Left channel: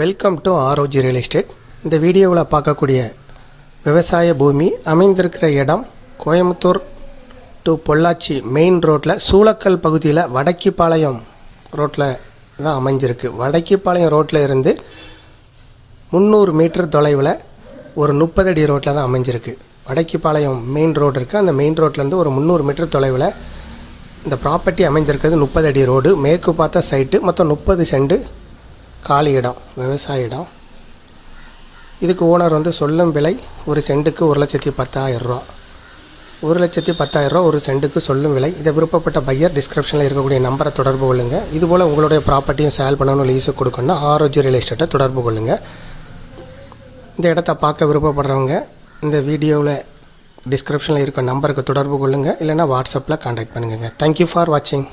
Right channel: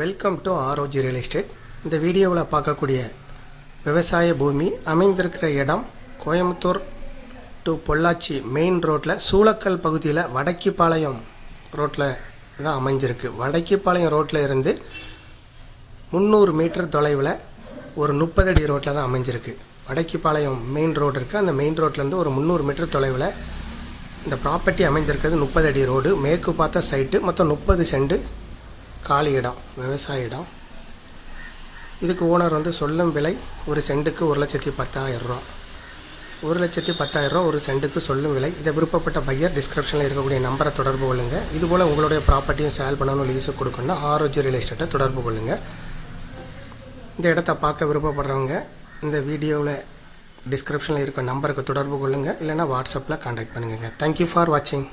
Welcome to ROG real estate. இந்த வீடியோவில் பார்க்கக்கூடிய விவசாய பூமி அமைந்திருக்கிற இடம் கோயம்புத்தூர் டு பொள்ளாச்சி மெயின் ரோட்டில் சூளக்கல் பகுதியில் வடக்கிப்பாளையம் ரோட்டில் தான் அமைஞ்சிருக்கு. வடக்கிப்பாளையம் ரோட்டில் இருந்து 300 மீட்டர் தொலைவில் ஒரு 30 அடி ரோட்டில் தான் அமைஞ்சிருக்கு. வடக்கிப்பாளையம் மெயின் ரோடு இருக்குது. அந்த மெயின் ரோட்லேருந்து ஒரு 300 மீட்டர் தொலைவில் இந்த ப்ராப்பர்ட்டி அமைஞ்சிருக்கிறது. 30 அடி ரோடு, மேற்கு பார்த்த சைட்டு, மொத்தம் 30 சென்ட் காலி இடம், விவசாய இடம். இதுக்கு ஓனர் சொல்லும் விலை ஒரு சென்ட்டுக்கு 1,10,000 ரூபா. 1,10,000 ரூபா ஒரு சென்ட்டுக்கு சொல்லும் விலை. இதை விருப்பப்பட்ட பையர் டிஸ்கிரிப்ஷனில் இருக்கக்கூடிய நம்பரை தொடர்பு கொள்ளுங்கள். இதுபோல் உங்களுடைய ப்ராப்பர்ட்டியும் சேல் பண்ணணும், லீஸுக்கு கொடுக்கணும்னா ஆர்ஓஜி ரியல் எஸ்டேட்டை தொடர்பு கொள்ளுங்கள். இந்த இடத்த பார்க்க விருப்பப்படுறவங்க இந்த வீடியோவில் டிஸ்கிரிப்ஷனில் இருக்க நம்பருக்கு தொடர்பு கொள்ளுங்கள், இல்லைனா வாட்ஸ்அப்பில் கான்டாக்ட் பண்ணுங்கள். தேங்க்யூ ஃபார் வாட்சிங்.